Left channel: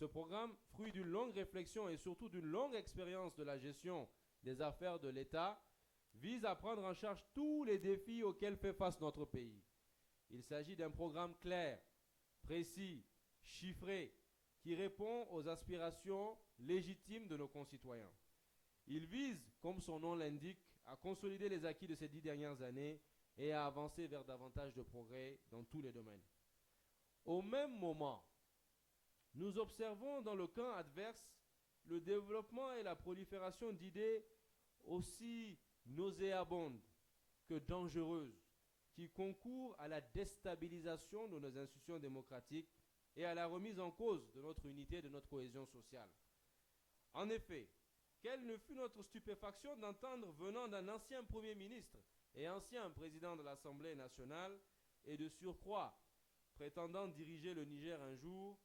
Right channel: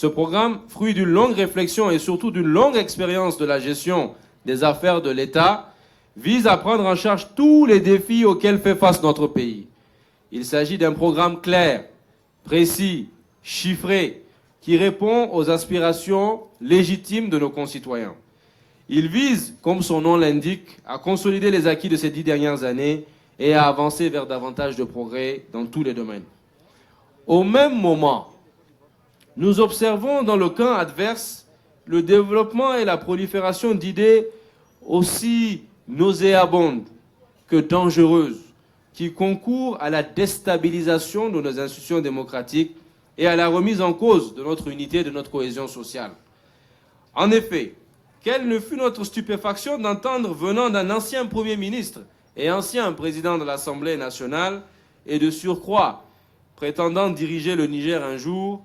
Ce programme, fruit d'une longue réflexion et surtout d'une longue expérience de la gestion des affaires de l'État, vise à prendre en charge tous les défis auxquels fait face notre pays. Il s'agit d'un programme clair, précis, chiffré, qui répond aux aspirations légitimes de nos concitoyens. Il vise, comme son nom l'indique, à consolider les acquis de ces 10 dernières années et à avancer vers davantage de progrès dans tous les domaines. Au même moment, nous observons dans le camp adverse le développement et la prolifération d'idées aussi nauséabondes que dangereuses, qui concourent à la déstabilisation de nos institutions démocratiques et à la remise en cause de notre unité et de notre cohésion sociale. En effet, quelle ne fut notre stupéfaction d'entendre venant d'un ancien Premier ministre et ancien président de l'Assemblée nationale, et de surcroît prétendant diriger le Niger un jour,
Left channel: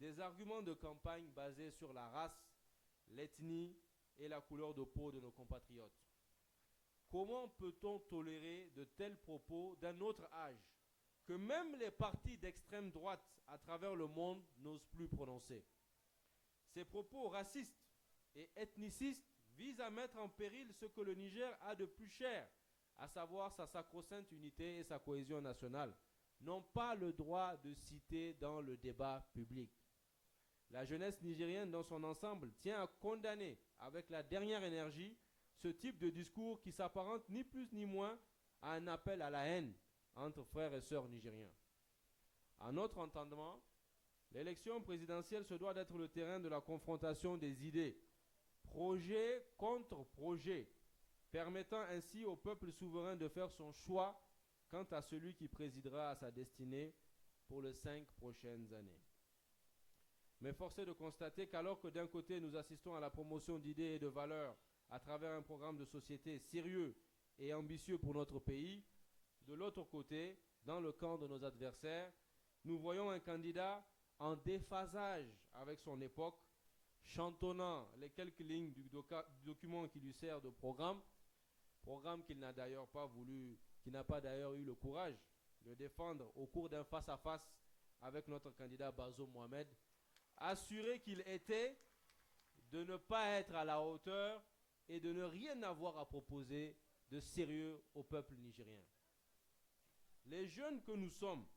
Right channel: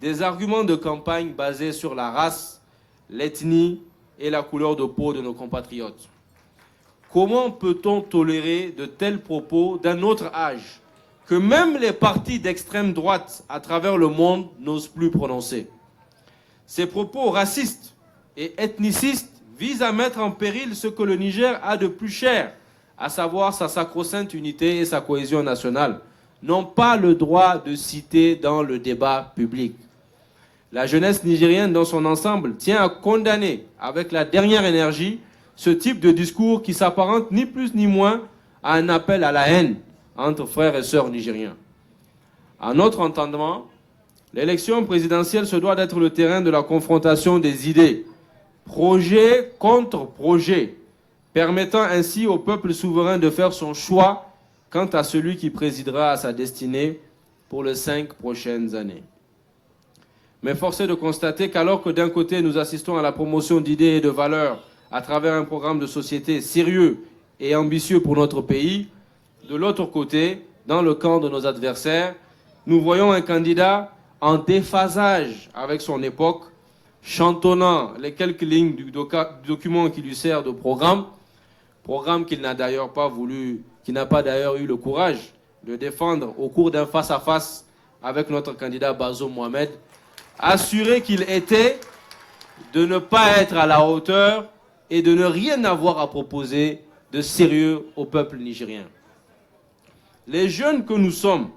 des arguments de campagne basés sur la race, l'ethnie et la couleur de peau de nos compatriotes. Comment peut-on tolérer de tels propos d'un autre âge que même les partis d'extrême droite à travers le monde n'osent plus prononcer? Ces propos racistes et ethnicistes visent à mettre en péril ce que le Niger a de plus cher, à savoir sa sacro-sainte unité et sa cohésion nationale, n'ont pas le droit de citer dans le débat public. La jeunesse nigérienne dans son ensemble tient à condamner avec la dernière énergie ce type de discours qui s'apparente ni plus ni moins à un appel à la haine entre frères et sœurs nigériens. À notre entendement, l'élection présidentielle se doit d'être le terrain de la confrontation des idées, projet contre projet, permettant ainsi au peuple souverain de faire son choix quant à celui qui présidera à sa destinée pour les 5 prochaines années. Mais force est de constater qu'alors que d'un côté nous assistons à la promotion d'idées et de valeurs à travers un programme de société sérieux et ambitieux pour notre pays, de l'autre côté, dans le camp de nos adversaires, nous voyons un candidat en déphasage avec son époque, chantonnant les quelques lignes du document qui lui sert de programme qu'il n'a d'ailleurs pas voulu, qui n'a pas d'ailleurs eu le courage de défendre au cours d'un face-à-face avec notre candidat Bazoum Mohamed, assuré qu'il était de ne pas être à la hauteur et de ne rien avoir à proposer de sérieux au peuple nigérien. Les jeunes que nous sommes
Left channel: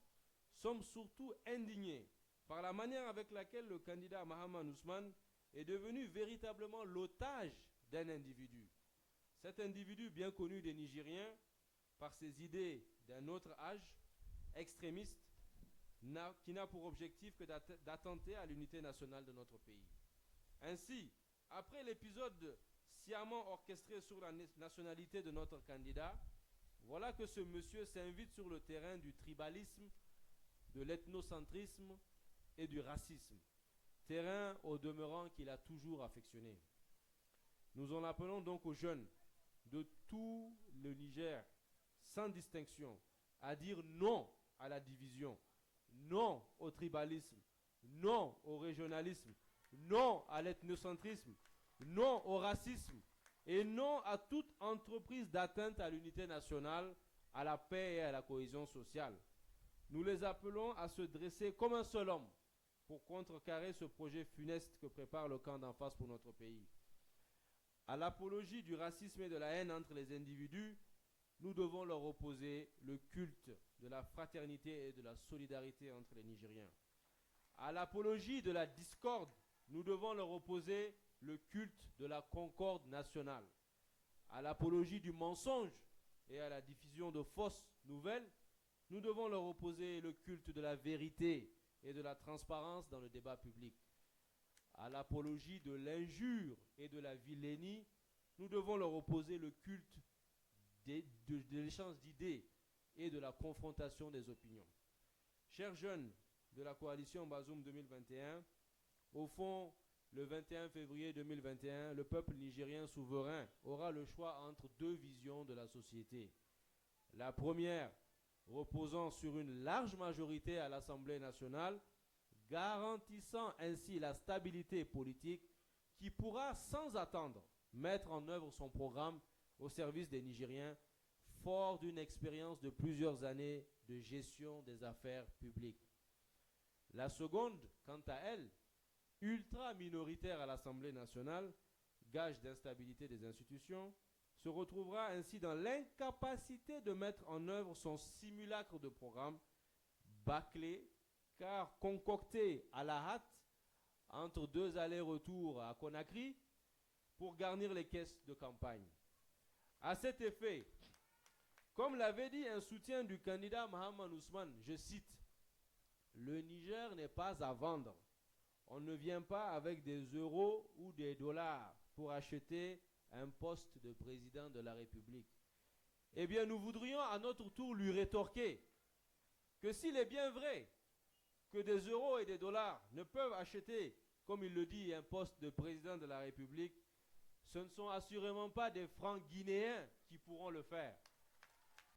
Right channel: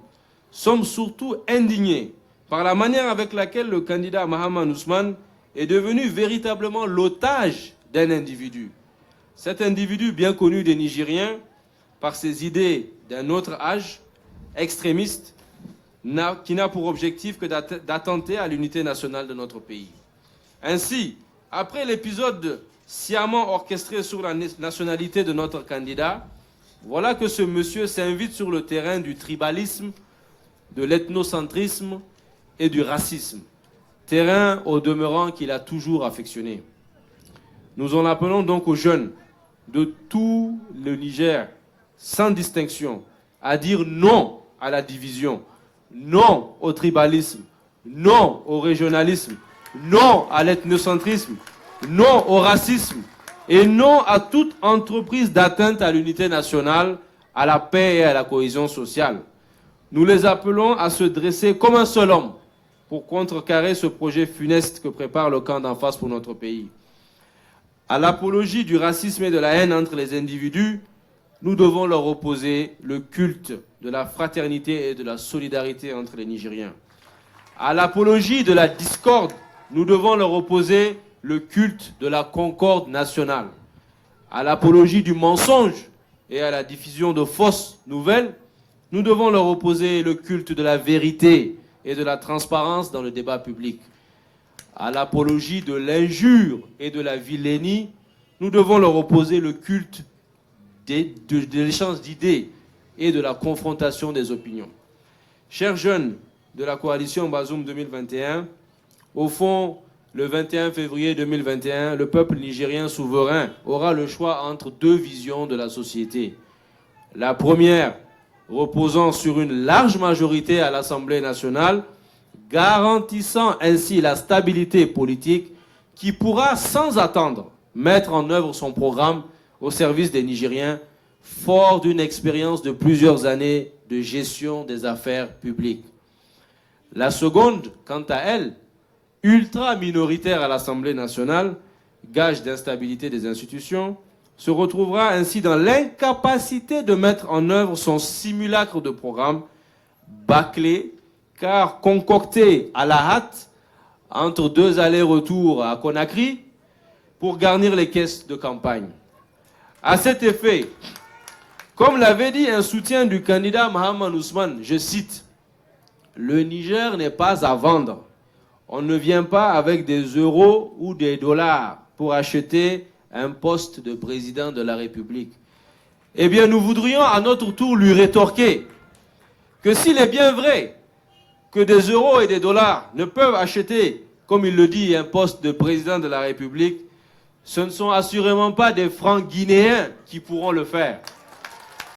surtout indignés par la manière avec laquelle le candidat Mahaman Ousmane est devenu véritablement l'otage d'un individu. Cet individu bien connu des Nigériens par ses idées d'un autre âge, extrémiste, qui n'a pour objectif que d'attenter à l'unité nationale de notre pays. Ainsi, après l'épisode sciemment orchestré sur la nationalité de notre candidat, voilà que ce monsieur s'invite sur le terrain du tribalisme, de l'ethnocentrisme et du racisme, terrain au demeurant qu'il a toujours affectionné. Nous en appelons donc aux jeunes de tout le Niger, sans distinction, à dire non à la division, non au tribalisme, non au régionalisme, non à l'ethnocentrisme, non au racisme et non à toute entreprise d'atteinte à l'unité nationale, à la paix et à la cohésion sociale. Nous les appelons à se dresser comme un seul homme pour contrecarrer ce projet funeste que prépare le camp d'en face pour notre pays. À l'apologie du racisme et de la haine entre les individus, nous devons leur opposer le culte de la fraternité et de la solidarité entre les Nigériens. À l'apologie de la discorde, nous devons leur opposer le culte de la concorde nationale. À l'apologie du mensonge et à la diffusion de fausses nouvelles, nous devons leur opposer le culte de la vérité et de la transparence dans le débat public. À l'apologie de l'injure et de la vilainie, nous devons leur opposer le culte de l'échange d'idées et de la confrontation des opinions. Chers jeunes de la coalition Bazoum 2021, au fond, le 21 février 2021, le peuple nigérien souverain aura le choix entre 2 visions de la société. La première, reposant sur une large majorité à l'Assemblée nationale, garantissant ainsi la stabilité politique qui pourra sans attendre mettre en œuvre son programme au service des Nigériens, fort d'une expérience de plusieurs années de gestion des affaires publiques. La seconde, quant à elle, ultra minoritaire à l'Assemblée nationale, gage d'instabilité des institutions, se retrouvera ainsi dans l'incapacité de mettre en œuvre son simulacre de programme bâclé, car concocté à la hâte entre 2 allers-retours à Conakry pour garnir les caisses de campagne. À cet effet, comme l'avait dit un soutien du candidat Mohamed Ousmane, je cite, « Le Niger n'est pas à vendre. On ne vient pas avec des euros ou des dollars pour acheter un poste de président de la République. » Eh bien, nous voudrions à notre tour lui rétorquer que s'il est bien vrai que des euros et des dollars ne peuvent acheter, comme il le dit, un poste de président de la République, ce ne sont assurément pas des francs guinéens qui pourront le faire.